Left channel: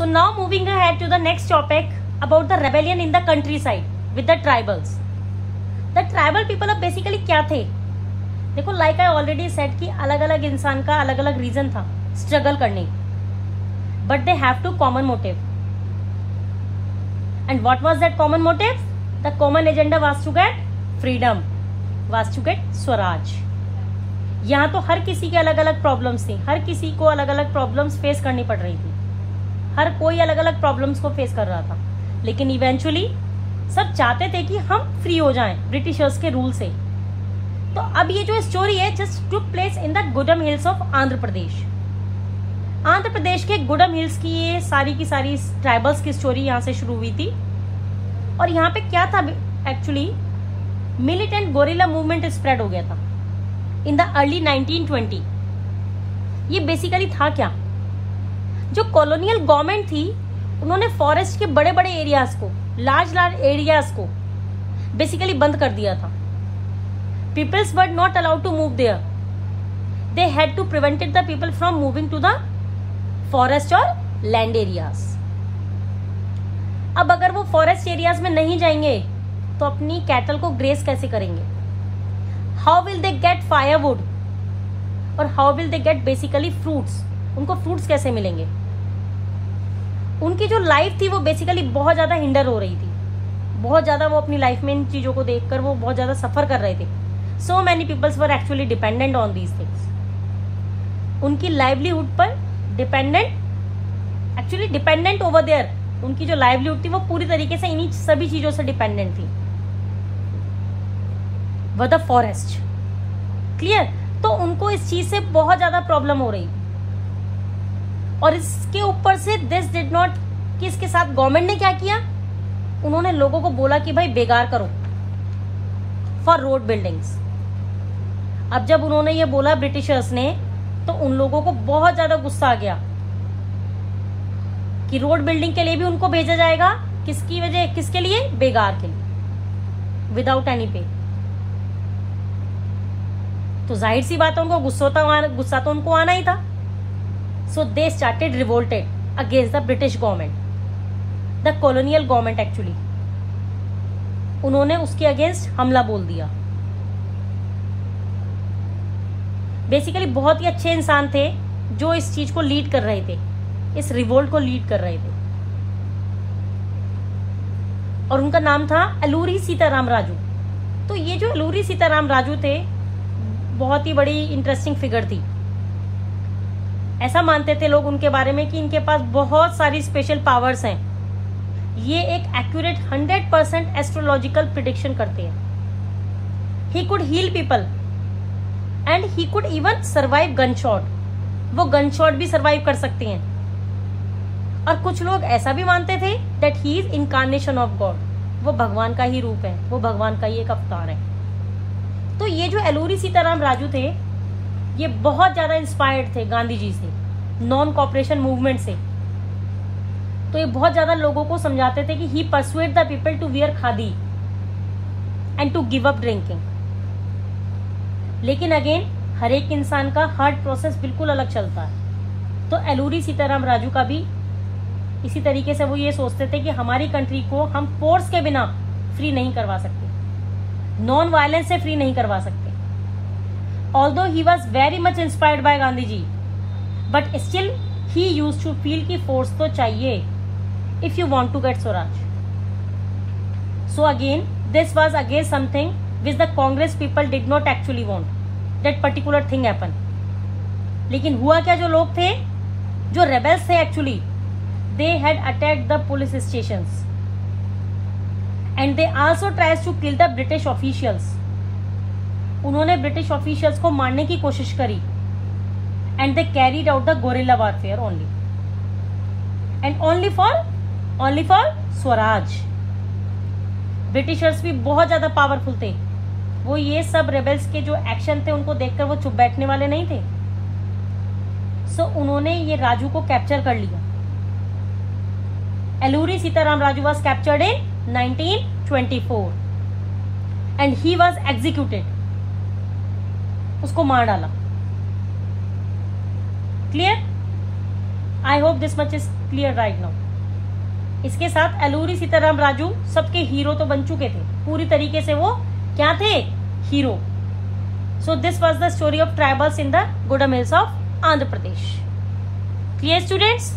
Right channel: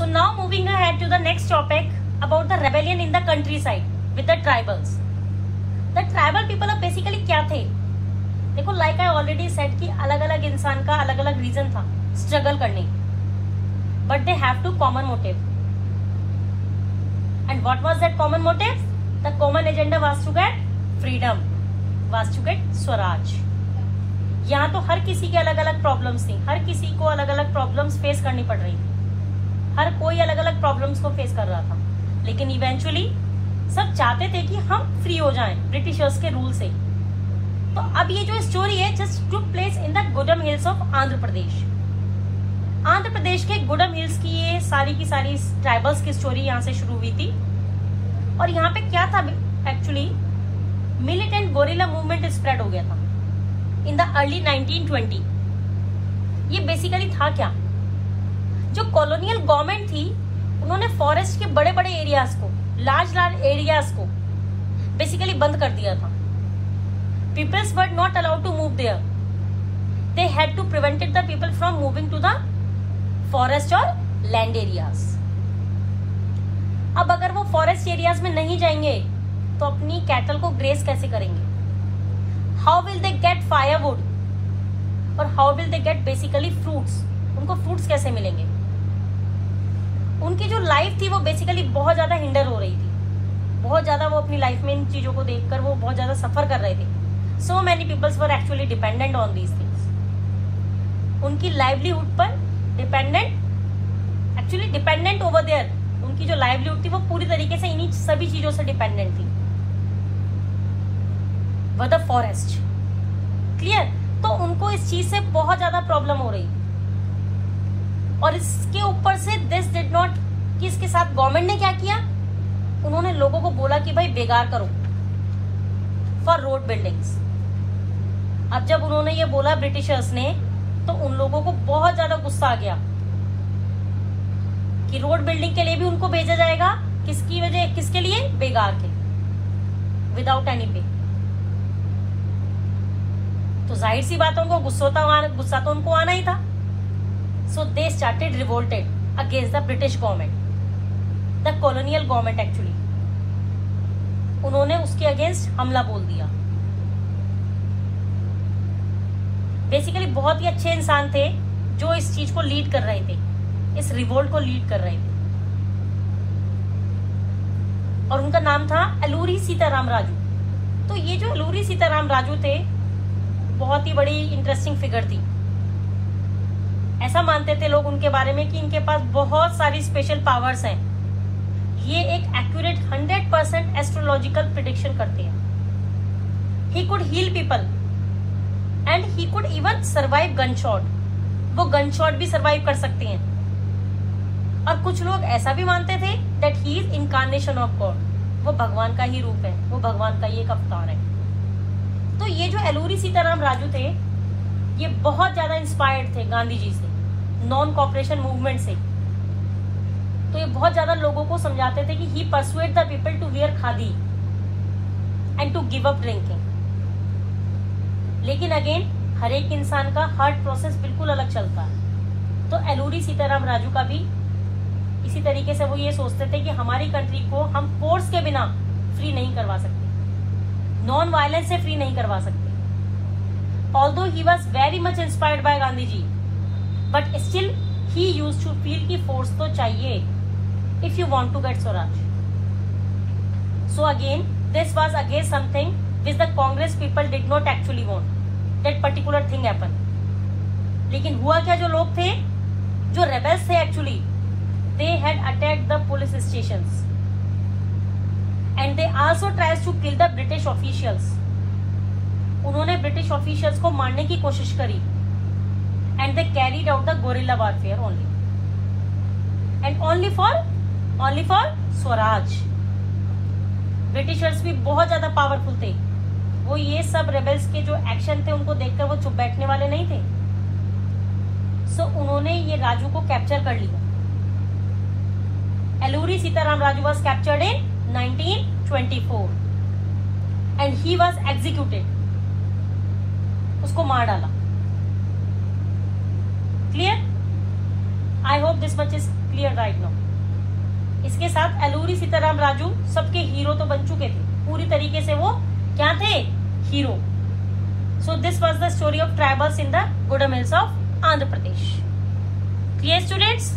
So now moving ahead to the next topic about the rebellion in the countryside with the tribals. The tribal people of basically क्या थे? देखो, like I already said कि अलग अलग इंसान का अलग अलग रीजन था स्ट्रगल करने, but they have two common motive. And what was that common motive? The common agenda was to get freedom, was to get Swaraj. यहाँ तो हर किसी के अलग अलग प्रॉब्लम्स थी, हर किसी को अलग अलग प्रॉब्लम्स फेस करनी पड़ रही थी, हर कोई अलग अलग प्रॉब्लम्स को फेस कर रहा था, लेकिन इवेंचुअली सब चाहते थे कि हम फ्री हो जाएं ब्रिटिशर्स के रूल से. तो अब ये जो स्टोरी है just to place in the Gudem hills of Andhra Pradesh. Andhra Pradesh के गुडम हिल्स की ये सारी की सारी ट्राइबल्स की स्टोरी यहाँ से शुरू हुई थी. और यहाँ पे क्या था actually, militant gorilla movement spread हो गया था इन द अर्ली 1920. ये बेसिकली था क्या, जो कॉलोनियल गवर्नमेंट थी उन्होंने फॉरेस्ट के बड़े बड़े एरियाज को, लार्ज एरियाज को बेसिकली बंद कर दिया था. Peoples were not allowed to move there. They had to prevented the people from moving to the forest और लैंड एरियाज. अब अगर वो फॉरेस्ट एरियाज में नहीं जाएंगे तो अपनी कैटल को ग्रेस कैसे करेंगे? How will they get firewood और how will they get basically fruits? उनको फ्रूट्स कैसे मिलेंगे? उनकी जो लाइफ थी वो बेसिकली बहुत ज्यादा हिंडर हो रही थी, बहुत ज्यादा वो अपनी लाइफ में इन चीजों को देखकर वो बहुत ज्यादा सफर कर रहे थे. So many peoples were actually dependent on these things. उनकी लाइवलीहुड पर डिपेंडेंट ओवर देयर, उनकी जो लाइवलीहुड थी वो पूरी तरीके से इन्हीं सभी चीजों से डिपेंडेंट थी. The forest, clear? तो उनको इस चीज से बहुत ज्यादा प्रॉब्लम हो रही. और इसके ऊपर से दिस डिड नॉट, कि इसके साथ गवर्नमेंट ने क्या किया, उन्होंने लोगों को बोला कि भाई बेकार करो फॉर रोड बिल्डिंग्स. अब जब उन्होंने ये बोला ब्रिटिशर्स ने, तो उन लोगों को बहुत ज्यादा गुस्सा आ गया कि रोड बिल्डिंग के लिए भी उनको भेजा जाएगा. किसकी वजह, किसके लिए? बेगार के, विदाउट एनी पे. तो जाहिर सी बात है उनको गुस्सा तो उनको आना ही था. So they started revolted against the British government, the colonial government actually. उन्होंने उसके अगेंस्ट हमला बोल दिया. बेसिकली बहुत ही अच्छे इंसान थे जो इस चीज को लीड कर रहे थे, इस रिवोल्ट को लीड कर रहे थे, और उनका नाम था अलूरी सीताराम राजू. तो ये जो अलूरी सीताराम राजू थे बहुत ही बड़ी इंटरेस्टिंग फिगर थी. ऐसा मानते थे लोग उनके बारे में कि इनके पास बहुत सारी स्पेशल पावर्स हैं. ये एक एक्यूरेट 100% एस्ट्रोलॉजिकल प्रिडिक्शन करते हैं. He could heal people and he could even survive gunshot. वो गन शॉट भी सर्वाइव कर सकते हैं. और कुछ लोग ऐसा भी मानते थे that he is incarnation of God. वो भगवान का ही रूप है, वो भगवान का ही एक अवतार है. तो ये जो अलूरी सीताराम राजू थे ये बहुत ज्यादा इंस्पायर्ड थे गांधी जी से, नॉन कॉपरेशन मूवमेंट से. तो ये बहुत ज्यादा लोगों को समझाते थे कि he persuade the people to wear khadi and to give up drinking. लेकिन अगेन हर एक इंसान का हार्ट प्रोसेस बिल्कुल अलग चलता है. तो अलूरी सीताराम राजू का भी इसी तरीके से वो ये सोचते थे कि हमारी कंट्री को हम फोर्स के बिना फ्री नहीं करवा सकते, नॉन वायलेंस से फ्री नहीं करवा सकते. Although he was very much inspired by Gandhi ji, but still he used to feel कि force तो चाहिए if you want to get Swaraj. So again, this was again something which the Congress people did not actually want. That particular thing happened. लेकिन हुआ क्या, जो लोग थे, जो rebels थे actually, they had attacked the police stations and they also tried to kill the British officials. उन्होंने British officials को मारने की कोशिश करी. And they carried out the guerrilla warfare only and only for Swaraj. Britishers भी बहुत ज्यादा पावरफुल थे. वो ये सब रेबल्स के जो एक्शन थे उनको देखकर वो चुप बैठने वाले नहीं थे. सो उन्होंने ये राजू को कैप्चर कर लिया. Alluri Sitaram Raju was captured in 1924 and he was executed. उसको मार डाला. Clear? I hope this much is clear right now. इसके साथ एलूरी सीताराम राजू सबके हीरो तो बन चुके थे, पूरी तरीके से वो क्या थे, hero. So this was the story of tribals in the Gudem hills of Andhra Pradesh. Clear students?